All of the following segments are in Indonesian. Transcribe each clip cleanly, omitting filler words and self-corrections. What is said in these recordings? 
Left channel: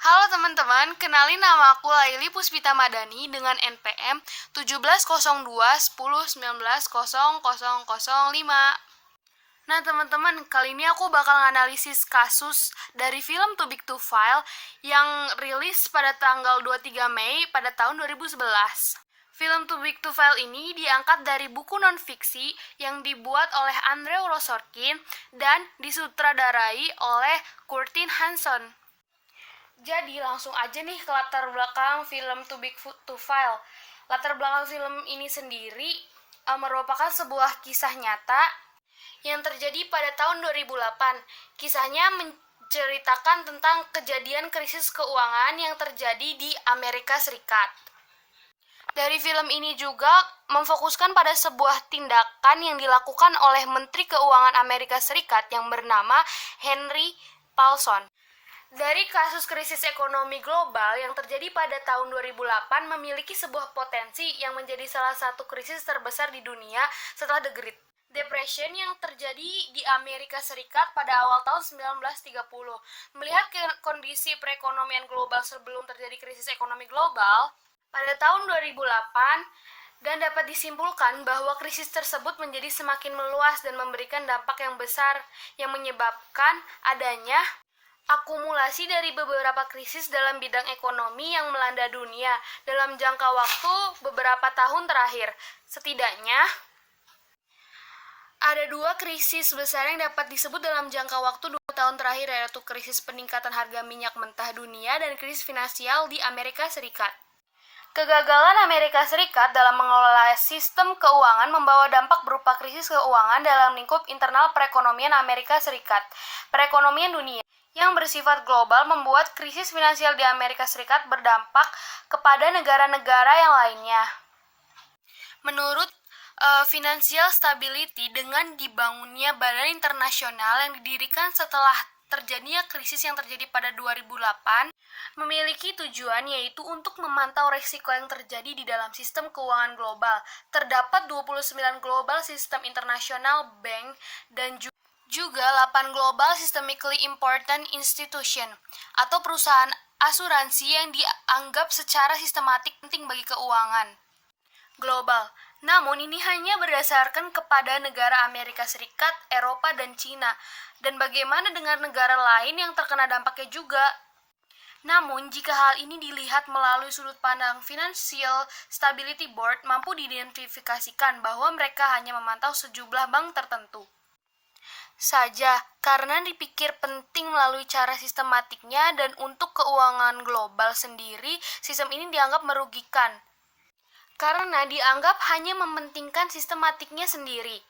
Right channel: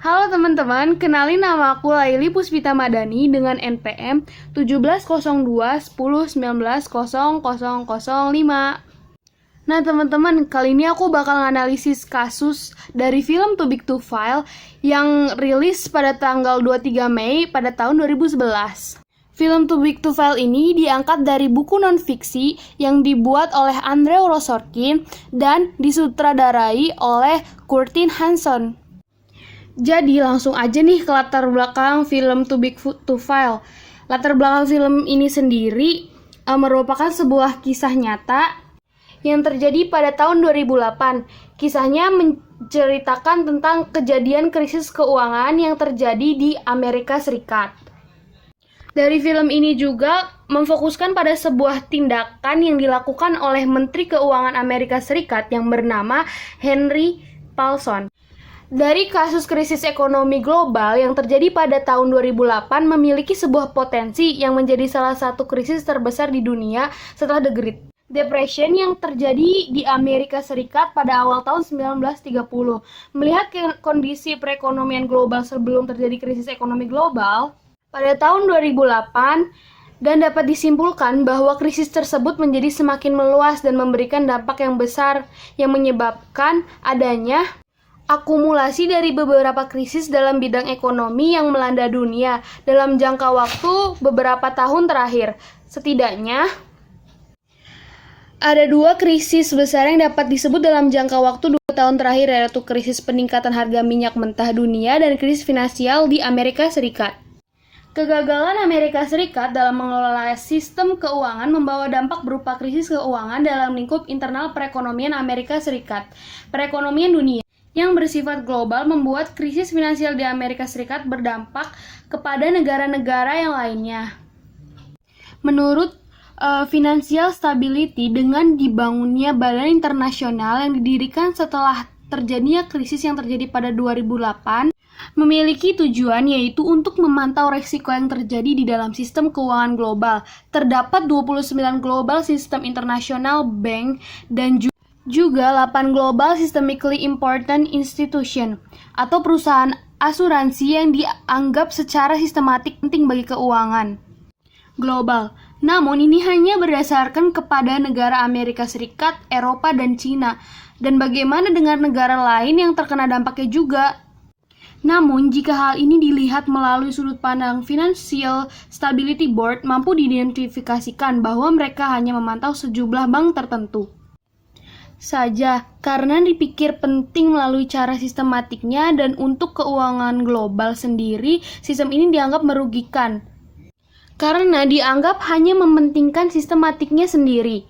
Halo teman-teman, kenalin nama aku Laili Puspita Madani dengan NPM 170210190005. Nah teman-teman, kali ini aku bakal nganalisis kasus dari film Too Big to Fail yang rilis pada tanggal 23 Mei pada tahun 2011. Film Too Big to Fail ini diangkat dari buku non-fiksi yang dibuat oleh Andrei Rosorkin dan disutradarai oleh Curtin Hanson. Jadi langsung aja nih ke latar belakang film Too Big to Fail. Latar belakang film ini sendiri merupakan sebuah kisah nyata yang terjadi pada tahun 2008. Kisahnya menceritakan tentang kejadian krisis keuangan yang terjadi di Amerika Serikat. Dari film ini juga memfokuskan pada sebuah tindakan yang dilakukan oleh Menteri Keuangan Amerika Serikat yang bernama Henry Paulson. Dari kasus krisis ekonomi global yang terjadi pada tahun 2008 memiliki sebuah potensi yang menjadi salah satu krisis terbesar di dunia setelah The Great Depression yang terjadi di Amerika Serikat pada awal tahun 1930. Melihat kondisi perekonomian global sebelum terjadi krisis ekonomi global pada tahun 2008, dan dapat disimpulkan bahwa krisis tersebut menjadi semakin meluas dan memberikan dampak yang besar yang menyebabkan adanya akumulasi dari beberapa krisis dalam bidang ekonomi yang melanda dunia dalam jangka waktu beberapa tahun terakhir. Setidaknya, ada dua krisis besar yang dapat disebut dalam jangka waktu 2 tahun terakhir, yaitu krisis peningkatan harga minyak mentah dunia dan krisis finansial di Amerika Serikat. Kegagalan Amerika Serikat dalam mengelola sistem keuangan membawa dampak berupa krisis keuangan dalam lingkup internal perekonomian Amerika Serikat. Perekonomian dunia yang bersifat global membuat krisis finansial di Amerika Serikat berdampak kepada negara-negara yang lainnya. Menurut Financial Stability, dengan dibangunnya badan internasional yang didirikan setelah terjadinya krisis yang terjadi pada 2008, memiliki tujuan yaitu untuk memantau risiko yang terjadi di dalam sistem keuangan global. Terdapat 29 Global System International Bank dan juga 8 Global Systemically Important Institution atau perusahaan asuransi yang dianggap secara sistematik penting bagi keuangan global. Namun ini hanya berdasarkan kepada negara Amerika Serikat, Eropa, dan Cina. Dan bagaimana dengan negara lain yang terkena dampaknya juga? Namun jika hal ini dilihat melalui sudut pandang Financial Stability Board, mampu diidentifikasikan bahwa mereka hanya memantau sejumlah bank tertentu saja, karena dipikir penting melalui cara sistematiknya, dan untuk keuangan global sendiri, sistem ini dianggap merugikan karena dianggap hanya mementingkan sistematiknya sendiri.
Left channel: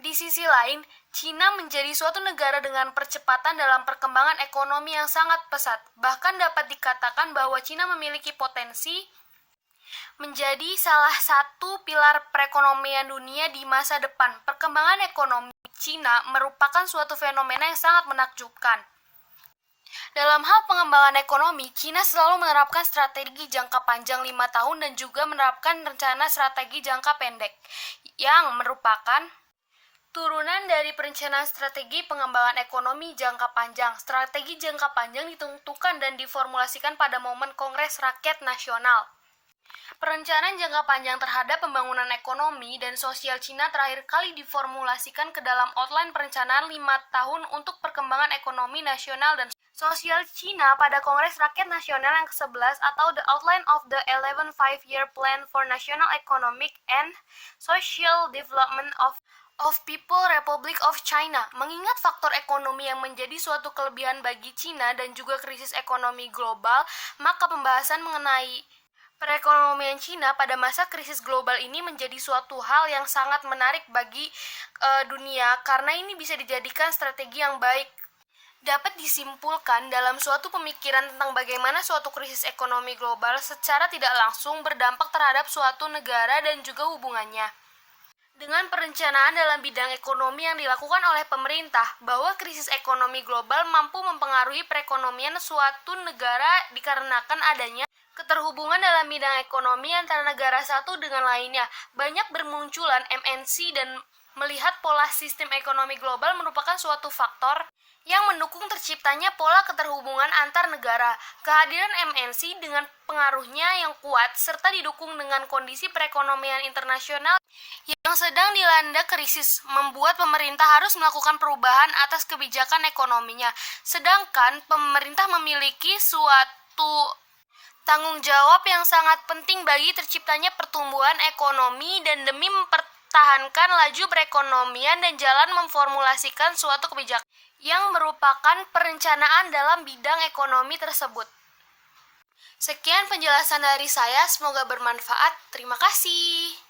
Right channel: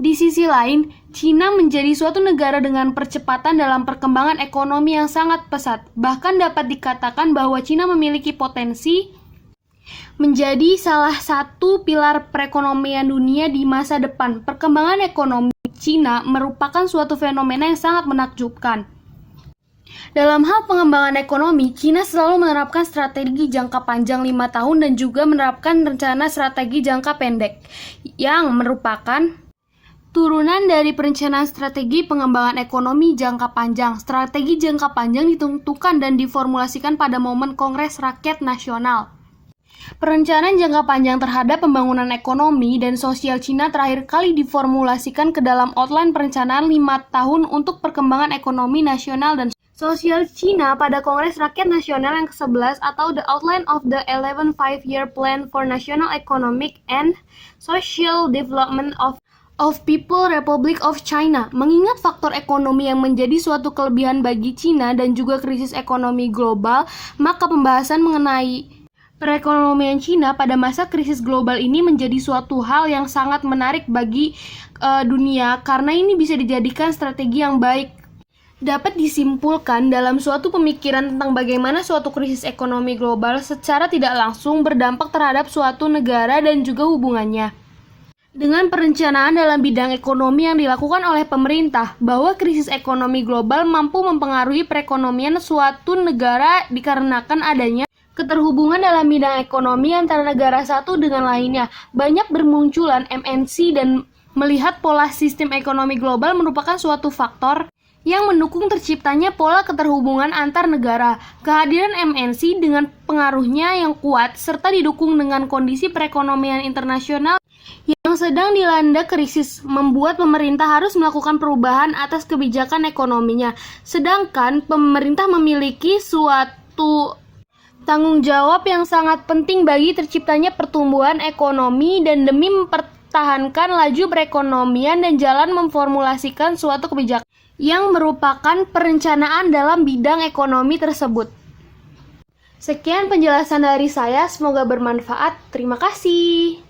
Di sisi lain, Cina menjadi suatu negara dengan percepatan dalam perkembangan ekonomi yang sangat pesat. Bahkan dapat dikatakan bahwa Cina memiliki potensi menjadi salah satu pilar perekonomian dunia di masa depan. Perkembangan ekonomi Cina merupakan suatu fenomena yang sangat menakjubkan. Dalam hal pengembangan ekonomi, Cina selalu menerapkan strategi jangka panjang 5 tahun dan juga menerapkan rencana strategi jangka pendek yang merupakan turunan dari perencanaan strategi pengembangan ekonomi jangka panjang. Strategi jangka panjang ditentukan dan diformulasikan pada momen Kongres Rakyat Nasional. Perencanaan jangka panjang terhadap pembangunan ekonomi dan sosial Cina terakhir kali diformulasikan ke dalam outline perencanaan 5 tahun untuk perkembangan ekonomi nasional dan sosial Cina pada Kongres Rakyat Nasional yang ke-11 atau The Outline of the 11 Five-Year Plan for National Economic and Social Development of People Republic of China. Mengingat faktor ekonomi yang menjadi suatu kelebihan bagi Cina dan juga krisis ekonomi global, maka pembahasan mengenai perekonomian Cina pada masa krisis global ini menjadi suatu hal yang sangat menarik bagi dunia, karena ini bisa dijadikan strategi yang baik. Dapat disimpulkan dalam suatu pemikiran tentang bagaimana suatu krisis ekonomi global secara tidak langsung berdampak terhadap suatu negara dan juga hubungannya dengan perencanaan dalam bidang ekonomi yang dilakukan oleh pemerintah, bahwa krisis ekonomi global mampu mempengaruhi perekonomian suatu negara dikarenakan adanya keterhubungan dalam bidang ekonomi antara negara satu dengan lainnya. Banyak bermunculan MNC dan melihat pola sistem ekonomi global merupakan suatu faktor yang mendukung terciptanya pola keterhubungan antar negara. Kehadiran MNC dengan pengaruhnya yang kuat serta didukung dengan kondisi perekonomian internasional yang sedang dilanda krisis membuat pemerintah harus melakukan perubahan atas kebijakan ekonominya. Sedangkan pemerintah memiliki suatu tanggung jawab yang sangat penting bagi terciptanya pertumbuhan ekonomi dan demi mempertahankan laju perekonomian dan jalan memformulasikan suatu kebijakan yang merupakan perencanaan dalam bidang ekonomi tersebut. Sekian penjelasan dari saya, semoga bermanfaat. Terima kasih.